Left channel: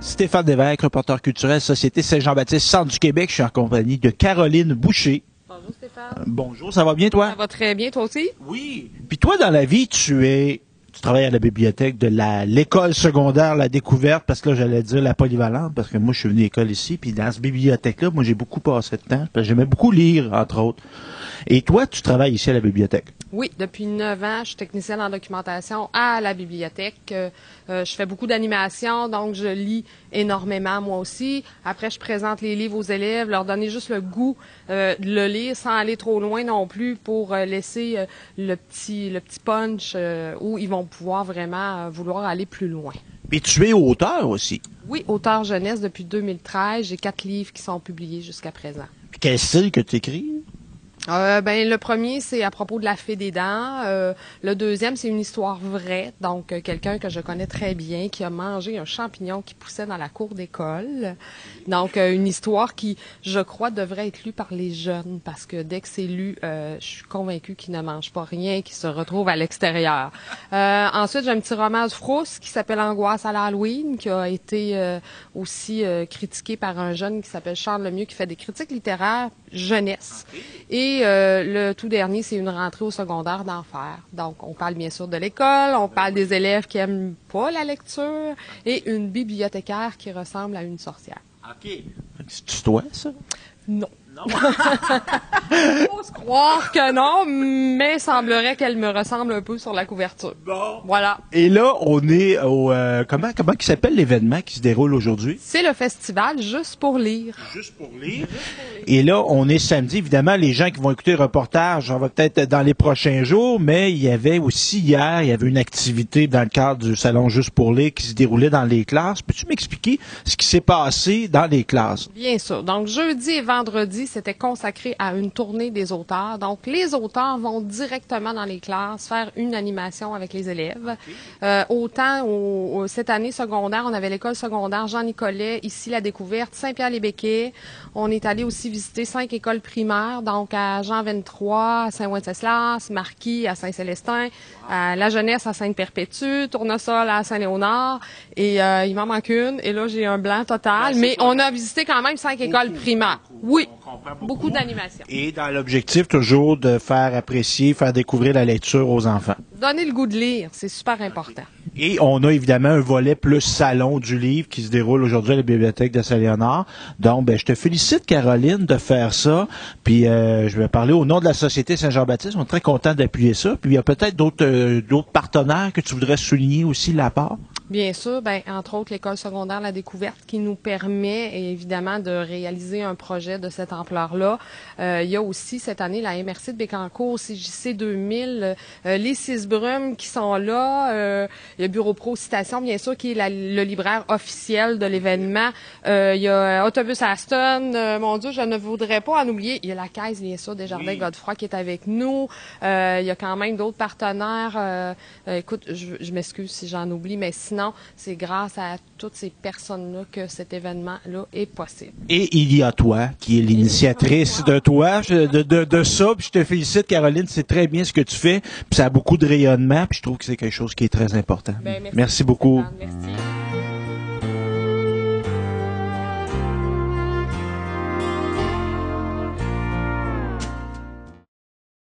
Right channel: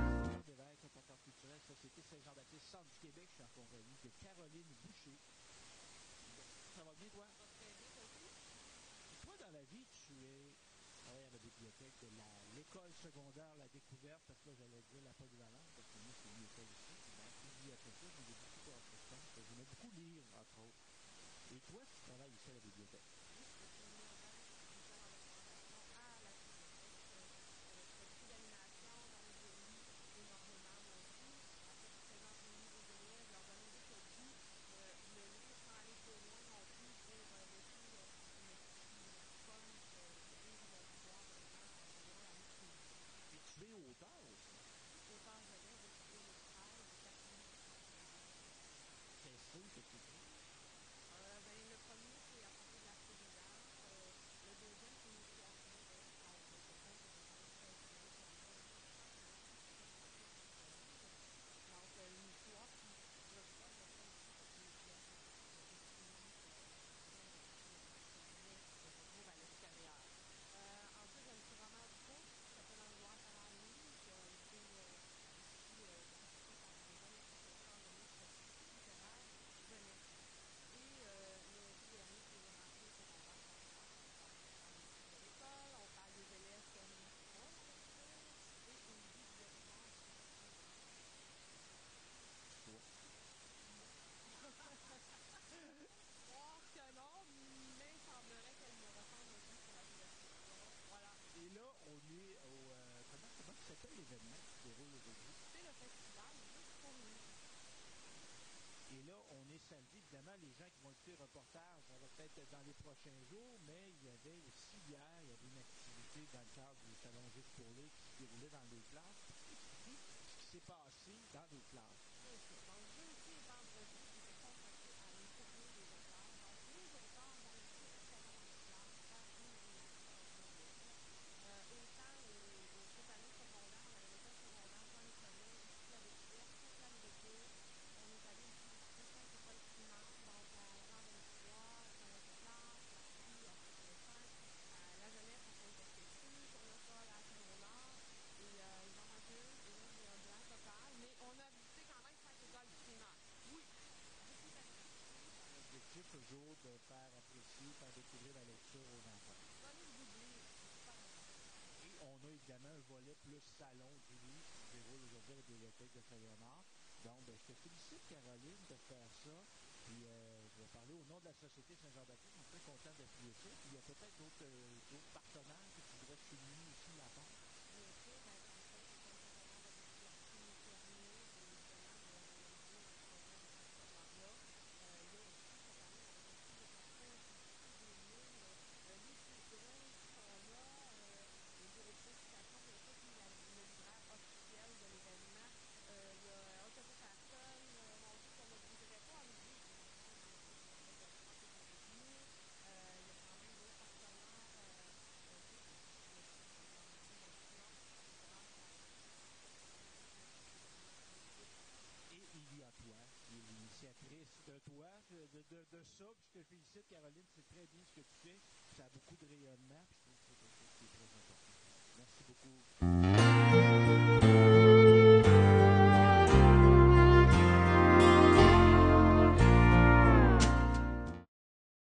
Stéphane Lévesque, reporter culturel, Société Saint-Jean-Baptiste, Centre du Québec. Je suis en compagnie de Caroline Boucher. Bonjour Stéphane. Bonjour, ça va bien toi? Ça va très bien, toi aussi? Oui. Puis toi, dans la vie, tu travailles à la bibliothèque de l'école secondaire La Découverte, parce que là, j'allais dire la polyvalente, parce que moi, je suis venu à l'école ici, puis dans cette bibliothèque-là, moi, j'ai beaucoup passé de temps, parce que j'aimais beaucoup lire, entre autres. Et toi, tu travailles ici à la bibliothèque? Oui, depuis 9 ans, je suis technicienne en documentation à la bibliothèque. Je fais beaucoup d'animation, donc je lis énormément moi aussi. Après, je présente les livres aux élèves, leur donner juste le goût de le lire sans aller trop loin non plus pour laisser le petit punch où ils vont pouvoir vraiment vouloir aller plus loin. Et tu es auteur aussi. Oui, auteur jeunesse depuis 2013. J'ai 4 livres qui sont publiés jusqu'à présent. Puis quel style que tu écris? Le premier, c'est à propos de la fée des dents. Le deuxième, c'est une histoire vraie. Donc, quelqu'un que je connais très bien qui a mangé un champignon qui poussait dans la cour d'école. Donc, une histoire qui, je crois, devrait être lue par les jeunes parce que dès que c'est lu, je suis convaincue qu'ils ne mangent pas rien, qu'ils se retrouvent à l'extérieur. Ensuite, j'ai un petit roman de Frousse qui s'appelle Angoisse à l'Halloween, qui a été aussi critiqué par un jeune qui s'appelle Charles Lemieux, qui fait des critiques littéraires jeunesse. Et le tout dernier, c'est une rentrée au secondaire d'enfer. Donc, on parle bien sûr de l'école, on parle des élèves qui aiment pas la lecture et une bibliothécaire qui ressemble à une sorcière. OK. C'est toi, ça? Non. Faut se croire que non, mais semblerait qu'elle me ressemble un peu sur la couverture. Bon. Voilà. Et là, on est au... comment qui s'appelle l'événement qui se déroule aujourd'hui? C'est le festival Juste pour lire. Juste pour lire. Et là, on est samedi. Évidemment, les gens qui vont écouter le reportage, on va peut-être dans les prochains jours, mais il y avait aussi hier, il y avait une activité dans le cadre du Salon Juste pour lire qui se déroulait dans les classes. Peux-tu m'expliquer ce qui s'est passé dans les classes? Bien sûr. Donc, jeudi et vendredi, c'était consacré à une tournée des auteurs. Donc, les auteurs vont directement dans les classes faire une animation avec les élèves. Autant cette année secondaire, on avait l'école secondaire Jean-Nicolet, ici La Découverte, Saint-Pierre-les-Béquets. On est allé aussi visiter 5 écoles primaires, donc à Jean-23, à Saint-Wenceslas, Marquis, à Saint-Célestin, à La Jeunesse, à Sainte-Perpétue, Tournesol, à Saint-Léonard. Et il m'en manque une. Et là, j'ai un blanc total. Mais on a visité quand même 5 écoles primaires. Oui. Beaucoup d'animation. Et dans l'objectif toujours de faire apprécier, faire découvrir la lecture aux enfants. Donner le goût de lire, c'est super important. Et on a évidemment un volet plus salon du livre qui se déroule aujourd'hui à la bibliothèque de Saint-Léonard. Donc, je te félicite, Caroline, de faire ça. Puis, je vais parler au nom de la Société Saint-Jean-Baptiste. On est très content d'appuyer ça. Puis, il y a peut-être d'autres partenaires que tu voudrais souligner aussi de la part. Bien sûr, entre autres, l'école secondaire La Découverte qui nous permet évidemment de réaliser un projet de cette ampleur-là. Il y a aussi cette année la MRC de Bécancour, CJC 2000, les 6 brumes qui sont là. Il y a Bureau Pro Citation, bien sûr, qui est le libraire officiel de l'événement. Il y a Autobus Aston. Mon Dieu, je ne voudrais pas en oublier. Il y a la Caisse, bien sûr, Desjardins Godefroy qui est avec nous. Il y a quand même d'autres partenaires. Écoute, je m'excuse si j'en oublie, mais sinon, c'est grâce à toutes ces personnes-là que cet événement-là est possible. Et il y a toi, qui est l'initiatrice de toi, de ça. Puis je te félicite, Caroline, c'est très bien ce que tu fais. Puis ça a beaucoup de rayonnement. Puis je trouve que c'est quelque chose qui est très important. Merci beaucoup. Merci.